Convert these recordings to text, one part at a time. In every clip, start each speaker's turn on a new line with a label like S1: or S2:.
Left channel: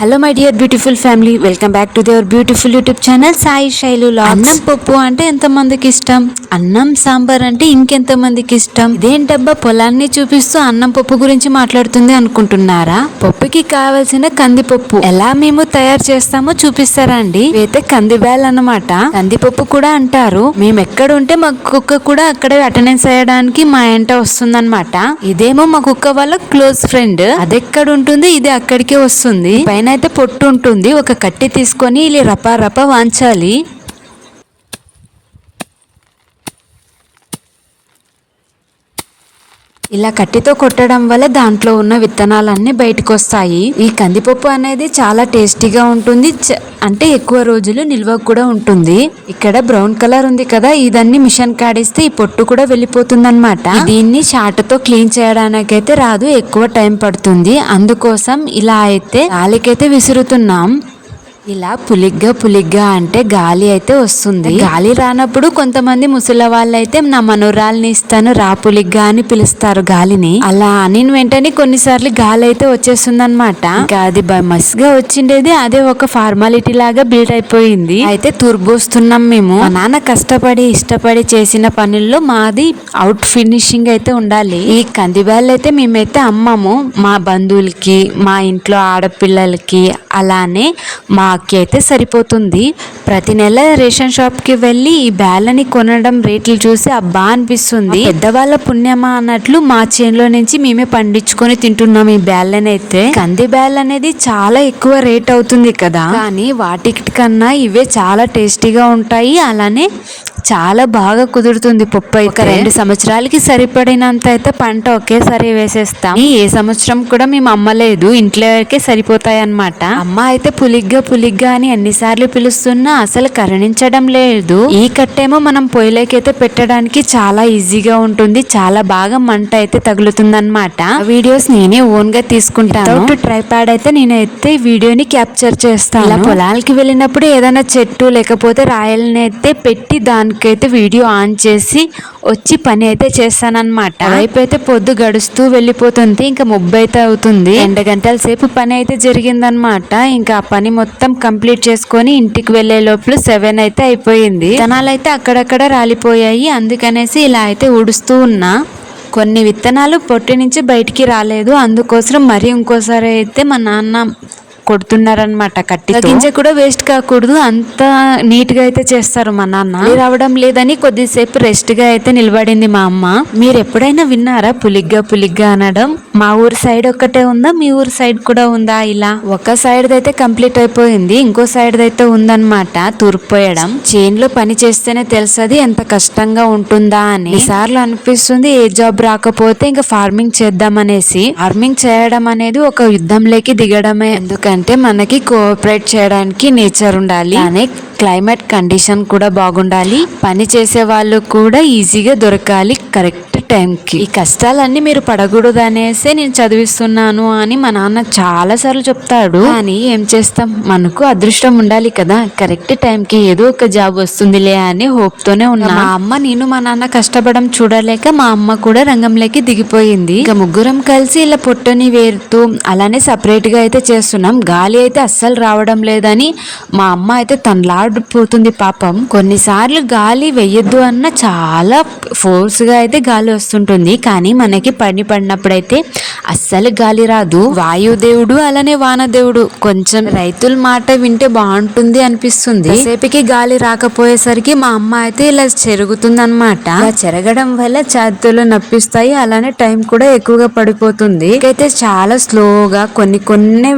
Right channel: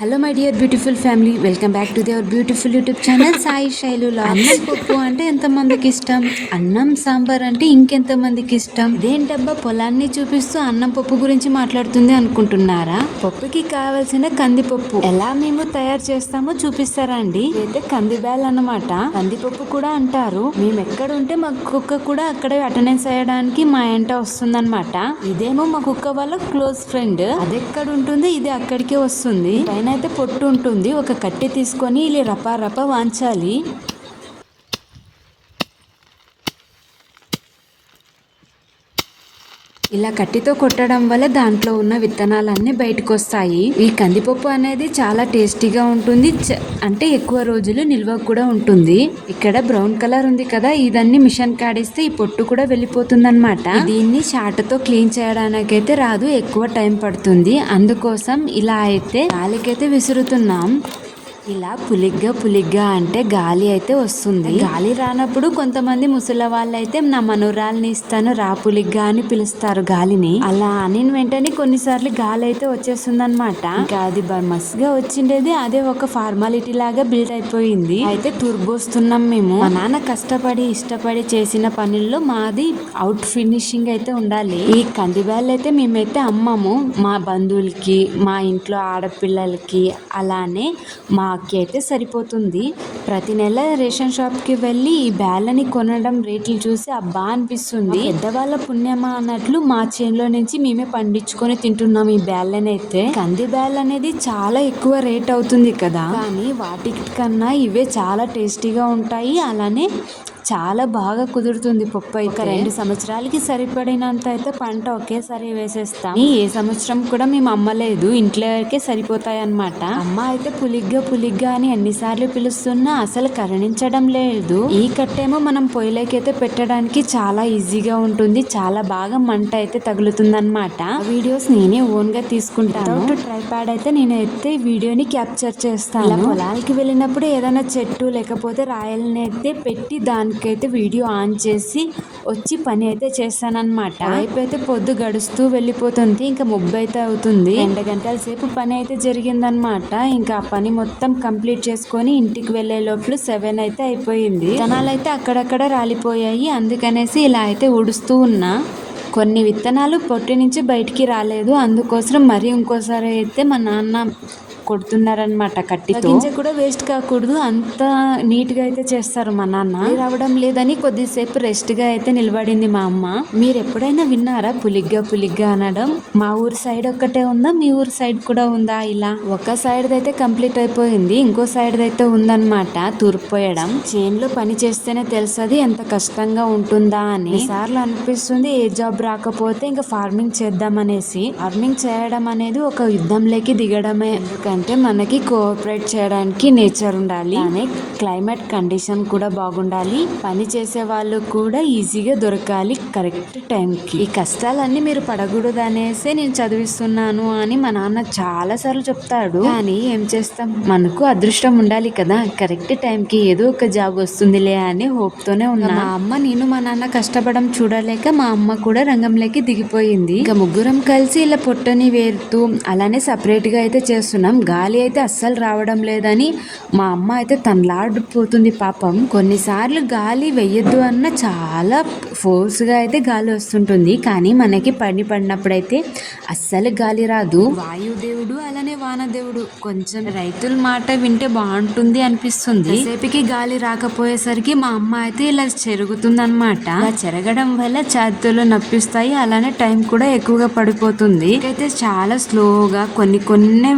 S1: Hello my dear beautiful family welcome back to they were beautiful YouTube channel Sai Shailu అన్నం పప్పు అంటే ఎంత మందికి ఇష్టం? అన్నం సాంబార్ అంటే ఇంకెంత మందికి ఇష్టం? ఇదేంటబ్బా పొలాన్ని చూపిస్తూ అన్నం పప్పు గురించి మాట్లాడుతుంది అనుకుంటున్నారా? పప్పుకి కావాల్సిన కందిపప్పు ఎలా మేము తయారు చేస్తామో చూపిస్తారా అండి? ఇవైతే కందిబ్యాల్ అన్నమాట. కందిపప్పు కూడా అంటారు. మేము ఎక్కడ ఉంటే మా కుక్క కూడా అక్కడే అటెండెన్స్ అయ్యడానికి మా ఎంట వస్తుందన్నమాట. ఇదేమో మా కుక్క వాళ్ళ క్లోజ్ ఫ్రెండ్. అది ఎక్కడ ఉంటుంది ఇది అక్కడికే వస్తుంది. పైన అయితే పొట్టు ఉంటుంది ఒక కట్టి తీసుకొని ఇలా రపా రపా వాంచాలి. ఇలా కట్టితో కొట్టడం వల్ల దాంట్లో ఉన్న విత్తనాలన్నీ బయటకు వస్తాయి ఈ కందిపప్పు అనేది చాలా టేస్టీగా ఉంటుంది. చ- అంటే ఎక్కువ రోజులు నిల్వ కూడా ఉంటుంది. ఇక్కడ బ్రౌన్ కలర్ ఉంది కదా ఇదన్నీ మిషన్ కాడిస్తే ఈ పొట్టు కూడా వెళ్ళిపోతుంది దీన్ని షార్ట్తో క్లీన్ చేయడానికి అయితే రాదు ఎక్కువ టైం పడుతుంది. అందుకోసం ఇలా అయితే గాలికైతే విసురుతున్నాం. ఇలా పులిగ్గా పులిగ్గా అంటే గాలి అయితే వస్తుంది. గాలి రానప్పుడు కొంతమంది ముసలి వాళ్ళు అయితే నా మనోరాల్ని ఇస్తాను రా పులిగ్గా అని పిలుస్తారు గాలిని. అలా అని వెంటనే కొన్నిసార్లు గాలి అయితే వచ్చేస్తుంది అనమాట ఇంకా అది బ- మస్గా వచ్చిండేది అదే ఒక ఫార్మాలిటీ లాగా బిల్డ్ అయిపోయింది. అయితే తుర్బోస్తున్నాం మేము. మా నాన్న కష్టపడి ఇష్టపడి చేసిన పనుల్లో మాది అవుట్ ఫినిషింగ్ అయితే ఉండాలి. ఈ కందిబ్యాళ్ళు అయితే మేమైతే అమ్మము. మా బంధువులకి మా ఇంట్లో ఆడపిల్లలకి అలానే మా అక్కి అయితే సరిపోతుంది. ప్రతి నెల రేషన్ షాప్కి వెళ్ళి ఈ బ్యాళ్ళని కొనడం రేట్లు చూసి అబ్బా అనిపిస్తుంది. పెద్దవాళ్ళ పుణ్యమా అన్నట్లు మా చేనులో నుంచి మేమే పండించుకొని తింటున్నాం ఈ బ్యాళ్ళని అయితే కంది బ్యాల్ అనేది చాలా ఎక్కువ రేట్ అవుతుంది కదా. కానీ వాటి కన్నా ఇవే చాలా టేస్టీగా ఉంటాయి. అలానే చాలా బాగా కుదురుతుంది పప్పు అయితే. రెండు సంవత్సరాలకి సరిపడినంత అయితే పంట ఒకేసారి వేసేస్తాం. ఏ సంవత్సరం కూడా మేము అమ్మలేదు ఇంట్లోకే సరిపోతాయి అన్నమాట అమ్మ అయితే పులిగ్గా పులిగ్గా అని ఎన్నిసార్లు పిలుస్తున్నా అసలు కరణించడం లేదు. ఈ కట్టేమో మనం పొయ్యిలోకైతే పెట్టడానికి చాలా ఈజీగా ఉంటుంది చాలా బాగా మంట అయితే తగులుతుంది అనమాట వీడియోస్ నేనే ఓన్గా తీసుకుంటాను. ట్రై ప్యాడ్ అయితే నేనైతే వీడియోని క్యాప్చర్ చేస్తాను. ఇలా పొలాలకి వెళ్ళినప్పుడు ఏదైనా చెట్టు లేకపోతే రాయల్ని అయితే పెట్టి దానికైతే వీడియో ఆన్ చేసి వచ్చి పని అయితే చేస్తానన్నమాట. వైపు అయితే పొద్దు గడుస్తూ వెళ్ళిపోతుంది ఇంకా ముబ్బై అయితే అవుతుంది. రెండు గంటల సేపు పని అయితే జరిగిందనమాట ఇంకా ఆ పని మొత్తం కంప్లీట్ చేసుకొని ఇంటికి వెళ్ళే లోపల సెవెన్ అయితే అయిపోయింది. విత్తనాలు అయితే అక్కడక్కడ రాలిపోయాయి. అందుకనేసి ఇలా అయితే ఉడుస్తూ ఉన్నా. కొన్ని విత్తనాలు పొట్టి నుంచి బయటికి రాలేదు. అందుకోసం మరి ఇంకోసారి అయితే మా నాన్న కొడుతున్నారనమాట కట్టి గింజ కూడా వేస్ట్ కాకూడదు. అంత నీట్గా అయితే చేస్తారు మా నాన్న. రావడం లేదని కొద్దిసేపు రెస్ట్గా అయితే నిలబడింది మా అమ్మ. మీరు ఎప్పుడైనా విన్నారా పులిగ్గా పులిగ్గా అనడం? మా ఊరు సైడ్ ఒక్కటే ఉందా? మీ ఊరు సైడ్ కూడా ఉందా ఇలా? ఒక సైడ్ అయితే కంప్లీట్ అయిపోయింది ఇంకో సైడ్ అయితే ఉందన్నమాట. తూర్పోయడం చేన్లో పని చేస్తేనే తెలుసది ఎంత కష్టంగా ఉంటుందా అని. సార్లు అనిపిస్తుంది ఏ జాబ్ రాకపోతే ఇంకా ఫార్మింగ్ చేద్దామనేసి. ఫార్మింగ్ చేయడం అనేది ఒక యుద్ధంలోకి దిగడమే. ఎందుకంటే అంటే మనకి కోఆపరేట్ చేయడానికి నేచర్ ఉండాలి. అనే క్లైమేట్ కండిషన్ కూడా బాగుండాలి. పని చేసే వాళ్ళు కూడా ఈజీగా దొరకాలి కరెక్ట్ టైంకి. ఈ కష్టాలన్నీ మీరు పడకూడదు అనేసి నేను చదివిస్తున్నాను అని మా నాన్న చాలా సార్లు చెప్తాడు. కానీ ఏం చేస్తాం? మనకు అదృష్టం ఉండాలి కదా. కరెక్ట్ టైంకి ఏదో ఒక జాబ్ వస్తుందిలే అని హోప్తోనే ఉన్నా. మా అమ్మ నేను మా నాన్న కష్టపడడం చూడలేక మా అమ్మ కూడా రంగంలోకి దిగిపోయింది. ఇక ముగ్గురం కలిసి ఇలా పొట్టని వేరుతూ అలానే సపరేట్గా అయితే చేస్తున్నాం. గాలి అయితే అస్సలు రావడం లేదని మా అమ్మ అయితే తనలాడిపోతుంది పాపం. కొన్నిసార్లు గాలి వెయ్యొద్దు అన్న చాలా ఫోర్స్గా అయితే గాలి వస్తుంటుంది. కానీ మనకి పని పడినప్పుడైతే అస్సలు గాలి రాదు. వాయుదేవుడు అలానే వానదేవుడు. కొంచెం రైతుల మాట వింటే బాగుంటుంది అనిపిస్తుంది. సేపుకి గాలి రాకపోయేసరికి మా అమ్మ అయితే ఇలా చెరుగుతుంది అనమాట చెరగడం వల్ల చేతులు నప్పిస్తాయి. అలానే టైం కూడా ఎక్కువగా పడిపోతుంది. అయితే చాలా స్లోగా కొన్ని కొన్ని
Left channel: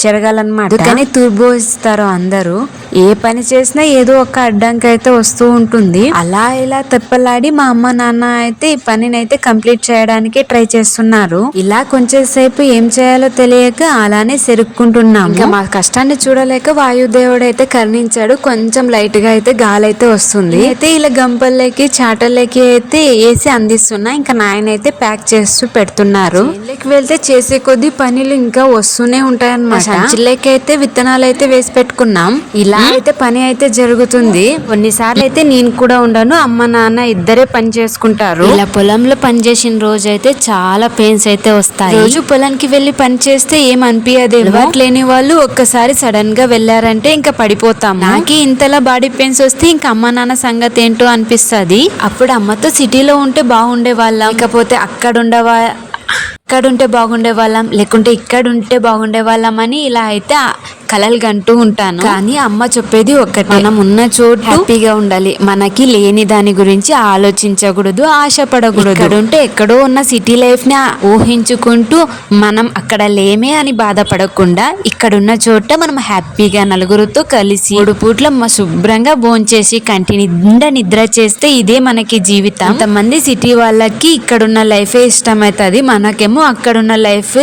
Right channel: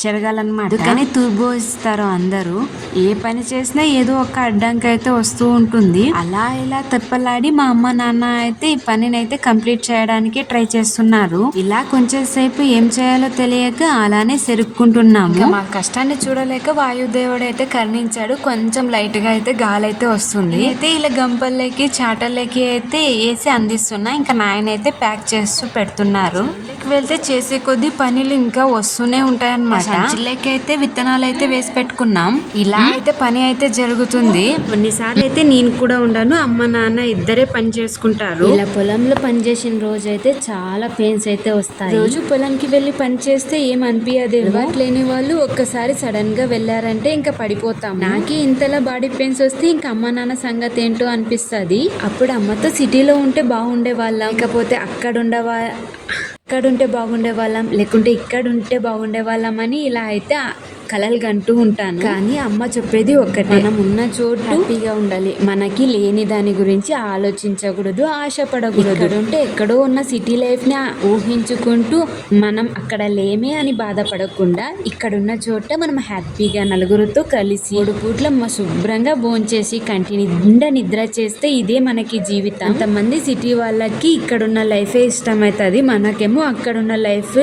S1: చెరగాలన్నమాట. కానీ తూర్బోస్తారు అందరూ ఏ పని చేసినా ఏదో ఒక అడ్డంకి అయితే వస్తూ ఉంటుంది. అలా ఇలా తెప్పలాడి మా అమ్మ నాన్న అయితే ఈ పనిని అయితే కంప్లీట్ చేయడానికి ట్రై చేస్తున్నారు. ఇలా కొంచెం సేపు ఏం చేయాలో తెలియక అలానే సెరుక్కుంటున్నాము. ఇంకా మా కష్టాన్ని చూడలేక వాయుదేవుడు అయితే కరుణించాడు. కొంచెం లైట్గా అయితే గాలి అయితే వస్తుంది. అయితే ఇలా గంపల్లోకి చాటల్లోకి అయితే వేసి అందిస్తున్నా. ఇంకా నాయన అయితే ప్యాక్ చేస్తూ పెడుతున్నారు. వెళ్తే చేసే కొద్దీ పనులు ఇంకా వస్తూనే ఉంటాయి అనమాట సంచిలోకి అయితే విత్తనాలు అయితే వేసి పెట్టుకున్నాం. ఇలా అయితే పని అయితే జరుగుతుంది. కొన్నిసార్లు అయితే నేను కూడా ఉండను. అమ్మ నాన్న ఇద్దరే పని చేసుకుంటారు. ఇలా పొలంలో పని చేసిన రోజు అయితే చాలా పెయిన్స్ అయితే వస్తాయి. రోజు పొలానికి వెళ్ళి పని చేస్తే ఏం అనిపించదేమో లేని వాళ్ళు ఒక్కసారి సడన్గా వెళ్ళారంటే ఇంకా పడిపోతాం నాకే ఇంతలా బాడీ పెయిన్స్ వస్తే ఇంకా అమ్మ నాన్న సంగతి ఏంటో అనిపిస్తది. అప్పుడు అమ్మతో సిటీలో ఉంటే బాగుండే వాళ్ళం లేకపోతే అక్కడ ఉండవా అక్కడ ఉంటే బాగుండే వాళ్ళం లేకుంటే ఇక్కడ ఉంటే బాగుండే వాళ్ళం అని ఇలా అయితే ఆ కలలు కంటూ ఉంటాను. కానీ అమ్మ చెప్పేది ఒక్కటే. మనం ఉన్న చోటు హ్యాపీగా ఉండాలి. మనకి లేని దాని గురించి ఆలోచించకూడదు ఆశపడకూడదు. ఇక్కడ ఉంటే ఎక్కడో ఉన్న సిటీ లైఫ్ని ఊహించుకుంటూ మనం అక్కడ లేమే అని బాధపడకుండా ఇక్కడ ఉన్న చోట మనం హ్యాపీగా నలుగురితో కలిసి మూడు పూట్ల శుభ్రంగా భోంచేసి కంటి నిండా నిద్ర చేస్తే ఇదే మనకి జీవితం. కొంతమంది సిటీ వాళ్ళకి ఇక్కడున్న లైఫే ఇష్టమవుతుంది మనకేమో అక్కడున్న లైఫ్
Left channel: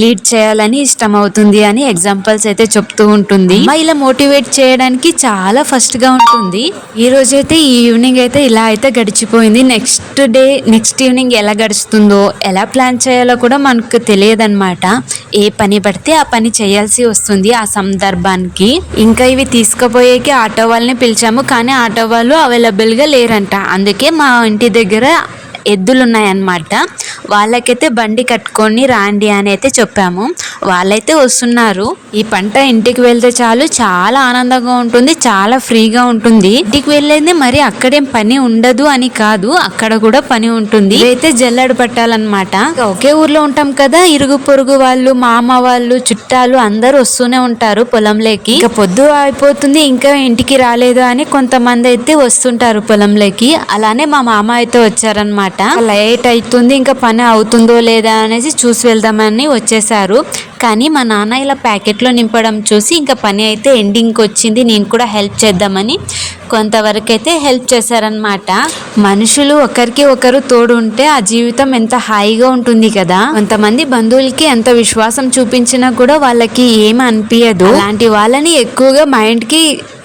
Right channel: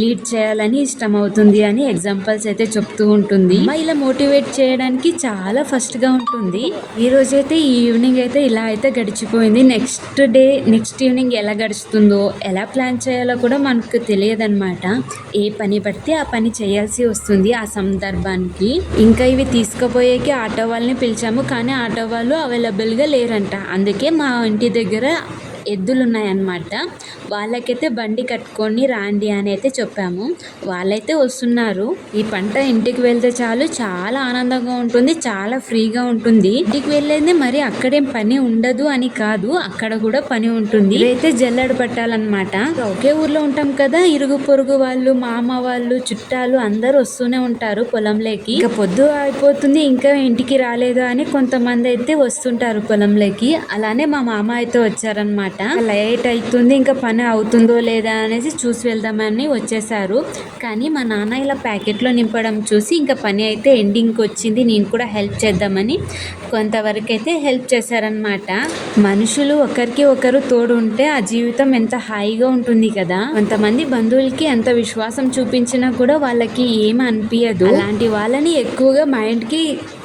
S1: లీడ్ చేయాలని ఇష్టం అవుతుంది అని ఎగ్జాంపుల్స్ అయితే చెప్తూ ఉంటుంది. ఇలా మోటివేట్ చేయడానికి చాలా ఫస్ట్గా ఉంటుంది. ఈ రోజు అయితే ఈ ఈవినింగ్ అయితే ఇలా అయితే గడిచిపోయింది. నెక్స్ట్ డే నెక్స్ట్ ఈవినింగ్ ఎలా గడుస్తుందో ఎలా ప్లాన్ చేయాలో కూడా మనకు తెలియదు ఏ పని పడితే ఆ పని చేయాల్సి వస్తుంది ఆ సందర్భానికి. ఇంకా ఇవి తీసుకుపోయేకి ఆటో వాళ్ళని పిలిచాము కానీ ఆటో వాళ్ళు అవైలబుల్గా లేరంట. అందుకే మా ఇంటి దగ్గర ఎద్దులు ఉన్నాయన్నమాట వాళ్ళకైతే బండి కట్టుకొని రాండి అని అయితే చెప్పాము. వాళ్ళైతే వస్తున్నారు. ఈ పంట ఇంటికి వెళ్తే చాలు చాలా ఆనందంగా ఉంటుంది చాలా ఫ్రీగా ఉంటుంది. ఇంటికి వెళ్ళేది మరి అక్కడేం పని ఉండదు అని కాదు అక్కడ కూడా పని ఉంటుంది. అయితే జల్లెడ పట్టాలన్నమాట. ఒకే ఊర్లో ఉంటాం కదా ఇరుగు పొరుగు వాళ్ళు మామ వాళ్ళు చుట్టాలు అందరూ వస్తూనే ఉంటారు పొలంలోకి. ఇక పొద్దు అయిపోతుంది ఇంకా ఇంటికి రాలేదు అని కొంతమంది అయితే వస్తుంటారు పొలంలోకి. అలానే మా మామ అయితే వచ్చారనమాట లైట్ అవుతుంది ఇంకా పని అవుతుందో లేదా అనేసి చూసి వెళ్దామని వచ్చేసారు. కానీ మా నాన్న ఇలా ప్యాకెట్లో నింపడం చూసి ఇంకా పని అయితే ఎండింగ్కి వచ్చింది. నేను కూడా హెల్ప్ చేద్దామని కొంతవరకు అయితే హెల్ప్ చేశారనమాట మనుషులు ఒకరికి ఒకరు తోడు ఉంటే ఆ జీవితం ఎంత హాయిగా ఉంటుంది కదా. కొంతమంది బంధువులకి ఎంత విశ్వాసం చూపించినా కూడా వాళ్ళకి ఏం అనిపించదు అలాంటి వాళ్ళని ఎక్కువగా మైండ్కి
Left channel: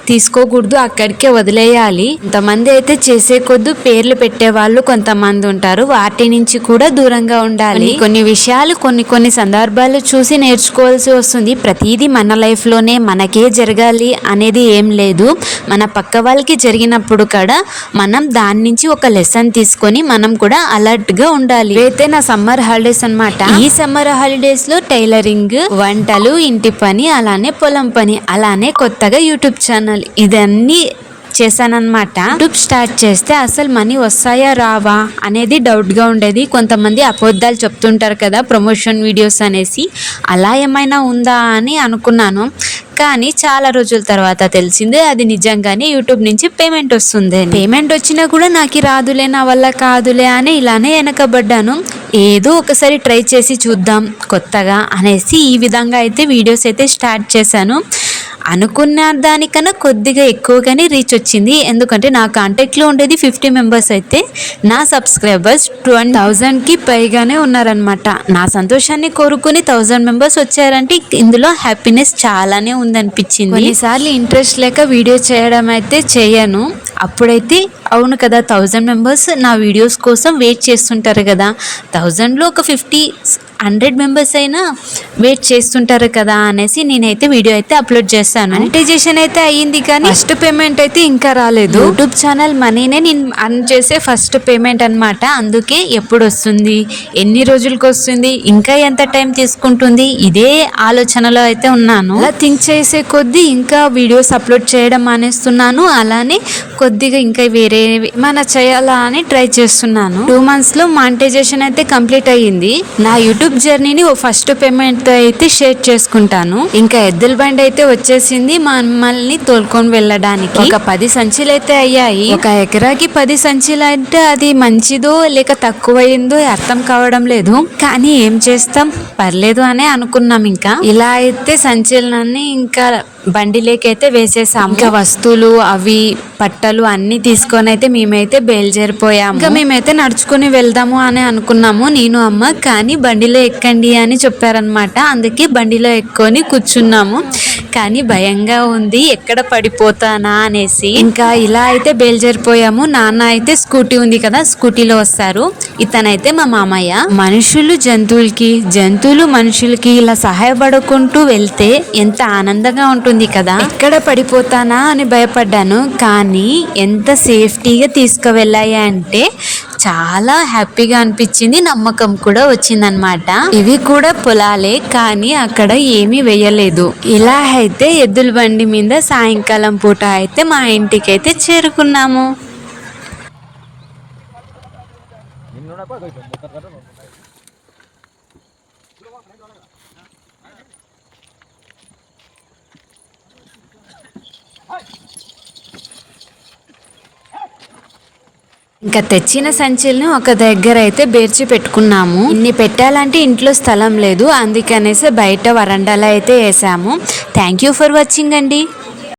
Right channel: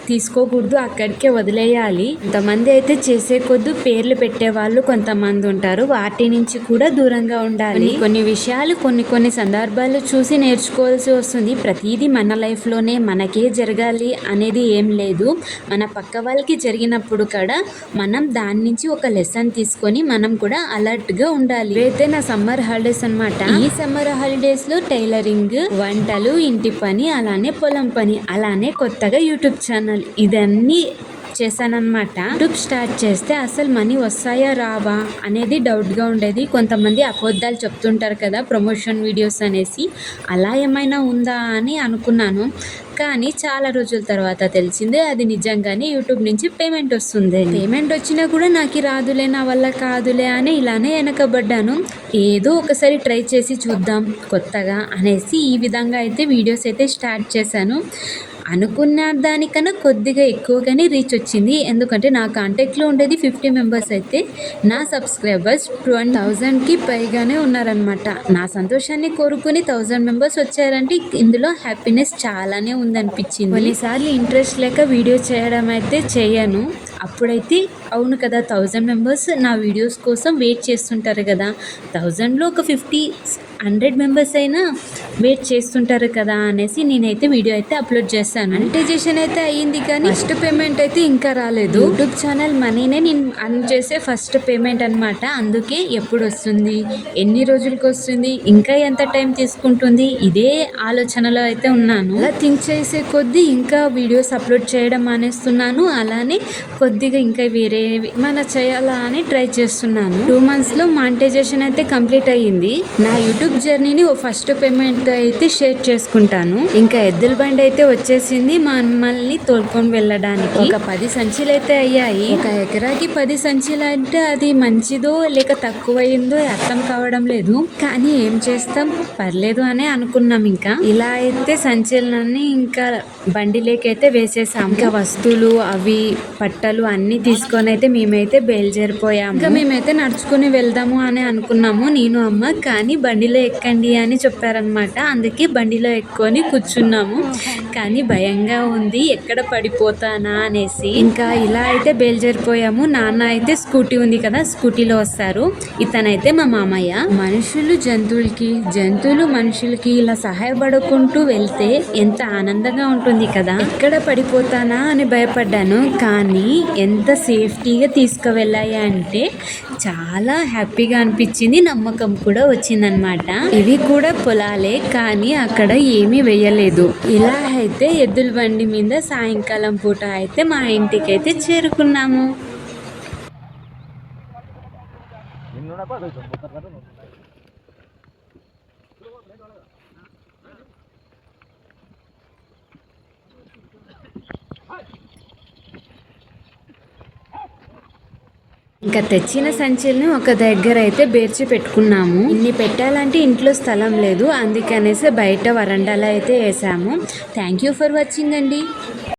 S1: తీసుకోకూడదు అక్కడికే వదిలేయాలి. కొంతమంది అయితే చేసే కొద్దు పేర్లు పెట్టే వాళ్ళు కొంతమంది ఉంటారు. వాటి నుంచి కూడా దూరంగా ఉండాలి. కొన్ని విషయాలు కొన్ని కొన్ని సందర్భాలు చూసి నేర్చుకోవాల్సి వస్తుంది. ప్రతిదీ మన లైఫ్లోనే మనకే జరగాలి అనేది ఏం లేదు. మన పక్క వాళ్ళకి జరిగినప్పుడు కూడా మనం దాని నుంచి ఒక లెసన్ తీసుకొని మనం కూడా అలర్ట్గా ఉండాలి. అయితే నా సమ్మర్ హాలిడేస్ అనమాట ఈ సమ్మర్ హాలిడేస్లో టైలరింగ్ వంటలు ఇంటి పని అలానే పొలం పని అలానే కొత్తగా యూట్యూబ్ ఛానల్ ఇదన్నీ చేశానన్నమాట. యూట్యూబ్ స్టార్ట్ చేస్తే అసలు మనీ వస్తాయా రావా అనేది డౌట్గా ఉండేది. కొంతమంది అబద్ధాలు చెప్తుంటారు కదా ప్రమోషన్ వీడియోస్ అనేసి. అలా ఏమైనా ఉందా అని అనుకున్నాను. కానీ చాలా రోజుల తర్వాత తెలిసింది అది నిజంగానే యూట్యూబ్ నుంచి పేమెంట్ వస్తుంది పేమెంట్ వచ్చినా కూడా నాకు రాదులే నా వల్ల కాదులే అని ఇలానే వెనకబడ్డాను. ఏదో ఒకసారి ట్రై చేసి చూద్దాం కొత్తగా అనేసి ఈ విధంగా అయితే వీడియోస్ అయితే స్టార్ట్ చేశాను. అనుకున్న దానికన్నా కొద్దిగా ఎక్కువగానే రీచ్ వచ్చింది. ఎందుకంటే నా కాంటాక్ట్లో ఉండేది ఫిఫ్టీ మెంబర్స్ అయితే. నా సబ్స్క్రైబర్స్ ట్వంటీ థౌజండ్కి పైగానే ఉన్నారనమాట నా సంతోషాన్ని కోరుకుని థౌజండ్ మెంబర్స్ వచ్చారంటే ఇందులో హ్యాపీనెస్ చాలానే ఉందనిపించింది. కొన్నిసార్లు ఇంట్రెస్ట్ లేక వీడియో చేయడం అయితే చేయను. అప్పుడైతే అవును కదా థౌజండ్ మెంబర్స్ నా వీడియోస్ కోసం వెయిట్ చేస్తుంటారు కదా. థౌజండ్లో ఒక ఫిఫ్టీ హండ్రెడ్ మెంబర్స్ అయినా వెయిట్ చేస్తుంటారు కదా అనేసి నేనైతే వీడియో అయితే అప్లోడ్ చేశాను. మానిటైజేషన్ అయితే అయ్యింది కానీ ఫస్ట్ పేమెంట్ అయితే ఇంకా రాలేదు. యూట్యూబ్ ఛానల్ మనీనే నేను అర్న్ చేసే ఫస్ట్ పేమెంట్ అన్నమాట. అందుకే ఎప్పుడు వస్తుంది ఎన్ని రోజులకు వస్తుంది ఇంకా ఎంత టైం తీసుకుంటుంది ఇదే ఆలోచనలో అయితే ఉన్నాను. అలా థింక్ చేసే కొద్దీ ఇంకా వీడియోస్ అప్లోడ్ చేయడం మానేస్తున్నాను. అలానే కొద్దిగా ఇంకా వేరే ఏమైనా చేయాలా అని ట్రై చేస్తున్నాను. టూ మంత్స్లో మానిటైజేషన్ అయితే కంప్లీట్ అయ్యింది. నా యూట్యూబ్ జర్నీని ఓ ఫస్ట్ పేమెంట్తో అయితే షేర్ చేసుకుంటాను. ఇంకా ఎద్దుల బండి అయితే వచ్చేసింది మమ్మల్ని తోలుకొని వెళ్ళడానికి. ఒక పది సంచులు అయితే అయ్యాయి. ఒక ఎకరాకి పది సంచులు అంటే అది మంచిదో లేక తక్కువైందో అర్థం కావడం లేదు. కానీ ఏం చేస్తాం? పర్లేదు అనే అనుకున్నాం ఇంకా. ఇలా అయితే సంచలనాన్ని ఇంకా బండిలేకైతే వేసేసాము. ఇంకా వస్తువులు అవి పట్టలు అన్ని తీసుకొని అయితే మేమైతే బయలుదేరిపోయాము. ఇంకా మేమైతే నడుచుకుని వెళ్దాము అని అనుకున్నాము నేను అమ్మ. కానీ బండిలో ఎక్కండి అని చెప్పారనమాట అందుకే బండిలో ఎక్కొని కూర్చున్నాము. కానీ భయంగా ఉంది ఎక్కడ పడిపోతానా అనేసి. ఇంకా ఇలా అయితే బయలుదేరిపోయాము. నాన్న అయితే స్కూటీ ఉంది కదా స్కూటీలో వస్తారు. ఇతనైతే మా మామయ్య. మనుషులు జంతువులకి జంతువులు మనుషులకి ఇలా సహాయపడుకుంటూ వెళ్తే ఎంత ఆనందంగా ఉంటుంది. ఉంటుంది కదా? ఎక్కడ పడిపోతానా అని భయపడ్డాను. కానీ ఎంత సేఫ్టీగా తీసుకువెళ్ళాయి అంటే చాలా హ్యాపీగా అనిపించింది. నమ్మకం కూడా వచ్చిందనమాట ఇవి కూడా పొలాలే కానీ అక్కడ ఏమీ వేయలేదు. ఇలా అయితే ఎద్దుల బండి మీద సాయంకాలం పూట అయితే మా ఇంటికి అయితే చేరుకున్నాము. ఇంకా తెచ్చిన సంచుల్ని ఒక దగ్గర అయితే బేర్చి పెట్టుకున్నాము. ఇన్ని పెట్టాలంటే ఇంట్లో స్థలం లేదు. అందుకనేసి బయట వరండాలో అయితే వేసాము. థ్యాంక్ యూ ఫర్ వాచింగ్ అండి.